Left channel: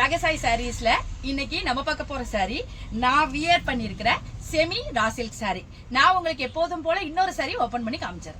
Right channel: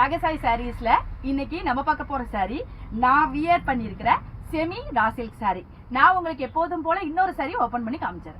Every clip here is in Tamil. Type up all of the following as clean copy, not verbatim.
ராகசாய் சாரீஸ்ல இன்னைக்கு நம்ம பார்க்க போற சாரி நான் வியர் பண்ணிருக்கிற செமி ரா சில்க் சாரி. நான் உங்களுக்கு எப்போதும் போல இன்னொரு சாரி ஓபன் பண்ணி காமிச்சேன்.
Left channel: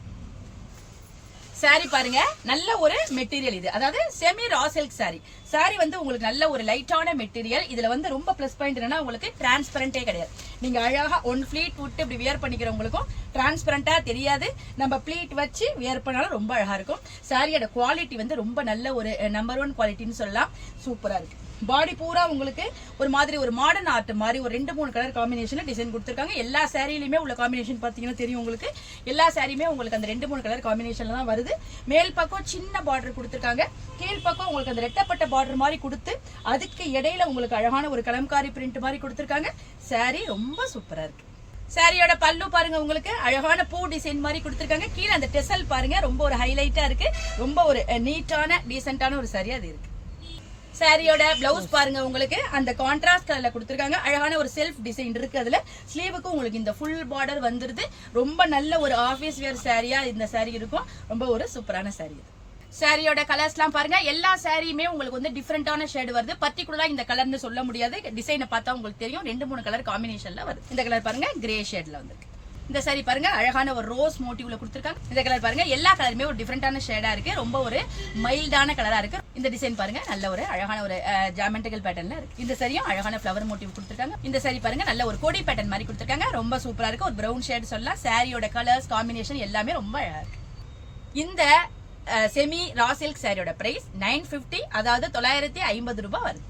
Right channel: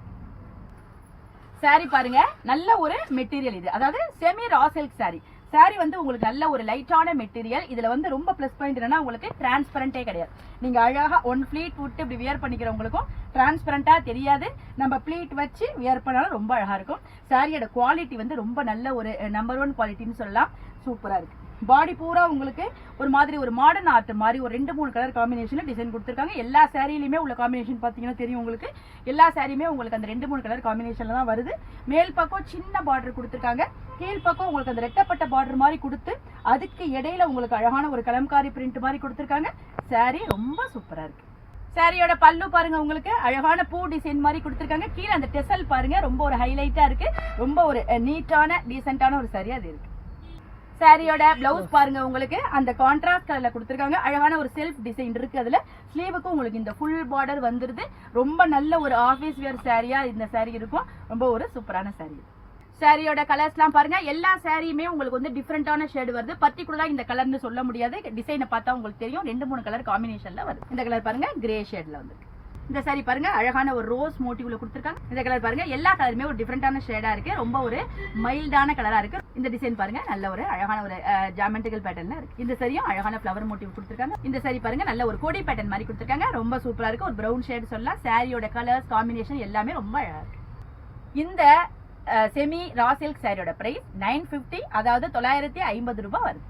சாரி பாருங்க, நல்ல ஒரு மெட்டீரியல் இது, அதாவது semi raw silk sari. Sari வந்து உங்களுக்கு நல்ல ஒரு லைட்டான மெட்டீரியல். இதுல வந்து ரொம்ப பிளஸ் பாயிண்ட் என்னன்னா, உங்களுக்கு டிரான்ஸ்பரண்டே கிடையாது. நீங்க அழகா ஒன் ஃபிளீட் விட்டு இப்படி வியர் பண்ணிக்கிறவங்களுக்கும் டிரான்ஸ்பரண்டா தெரியாது. நம்ம பிளீட் வச்சு வியர் பண்ணாலும் ரொம்ப அழகா இருக்கும். சாரியோட குவாலிட்டி வந்து ரொம்ப நல்ல ஒரு நம்பர் 1 குவாலிட்டின்னு சொல்லலாம். சூப்பரா இருக்கு. பாடி பூரா உங்களுக்கு ஒரு மாதிரி ஒரு மாடர்ன் ஆர்ட் மாதிரி ஒரு 2-3 கலர் காம்பினேஷன்ல டிசைன் கொடுத்துருக்காங்க. எல்லா சாரியிலுமே உள்ள காம்பினேஷன் பாத்தீங்கன்னா தெரியும் உங்களுக்கு. எல்லா சாரியுமே உங்களுக்கு அந்த 2-3 கலர் காம்பினேஷன்ல தான் வருது. மேல் பக்கம் சின்ன பார்டர் கொடுத்துருக்காங்க, கீழ் பக்கம் உங்களுக்கு அந்த ரெட்டப்பட்ட பார்டர் மாதிரி கொடுத்து அதுக்கு இடையில உங்களுக்கு அழகான ஒரு கலம்காரி பிரிண்ட் மாதிரி கொடுத்துருக்காங்க. சாரி ரொம்ப சூப்பரா இருக்கு. சாரியோட பல்லு பாருங்க, உங்களுக்கு அழகான பூ டிசைன் மாதிரி கொடுத்துருக்காங்க. கீழே அந்த டெசல் பாருங்க, ரொம்ப ஒரு ஹைலைட்டா இருக்கு. ரொம்ப ஒரு நீட்டான டீசென்டான ஒரு சாரி அது இருக்கு. சாரியோட பிளவுஸ் பாருங்க, உங்களுக்கு அந்த கான்ட்ராஸ்ட் கலர்ல கொடுத்துருக்காங்க. அழகான ஒரு செல்ஃப் டிசைன் இருக்கு. அதுல ஸ்லீவுக்கும் உங்களுக்கு இந்த ஃபுல் பார்டர் வந்துருது. ரொம்ப நல்ல ஒரு ஆபீஸ் வேர் சாரியா இந்த சாரி இருக்கும். ரொம்ப ஒரு சூப்பரான சாரி. சாரியோட கலர்ஸ்லாம் பாருங்க, எல்லா சாரியுமே உங்களுக்கு வந்து டிஃப்ரெண்டான ஷேடு வருது. பர்டிகுலரா இந்த கலர்னு சொல்ல முடியாது, டிசைனை பார்த்தா உங்களுக்கு தெரியும். 2-3 கலர் காம்பினேஷன்ல வருது. இந்த கலர் பாருங்க கிரே ஷேட்ல வந்து. இந்த சாரி பாருங்க, அழகான ஒரு ரோஸ் மோட்டிவ்ல கொடுத்துருக்காங்க. இந்த கலர் பாருங்க, எல்லா கலருமே ஒரு டிஃப்ரெண்டான ஷேடா இருக்கு. ரொம்ப ஒரு மைல்டான கலரா இருக்கு. இந்த டிசைன் பாருங்க, நல்ல ஒரு அழகான ஒரு ஜாமெட்ரிக்கல் பேட்டர்ன்ல இருக்கு. இந்த சாரியும் அழகான ஃப்ளவர் மோட்டிவ் கொடுத்துருக்காங்க. இந்த சாரி பாருங்க, நல்ல ஒரு கோடி பேட்டர்ன் மாதிரி கொடுத்துருக்காங்க. ரொம்ப சூப்பரா இருக்கு. ஒரு பிரவுன் ஷேட் சொல்லலாம். சாரியோட கலர்ஸ் காம்பினேஷன் எல்லாமே ரொம்ப அழகா இருக்கு. இந்த செமி ரா சில்க் சாரியோட பிரைஸ் 950, அதாவது 950 ரூபாய் வருது.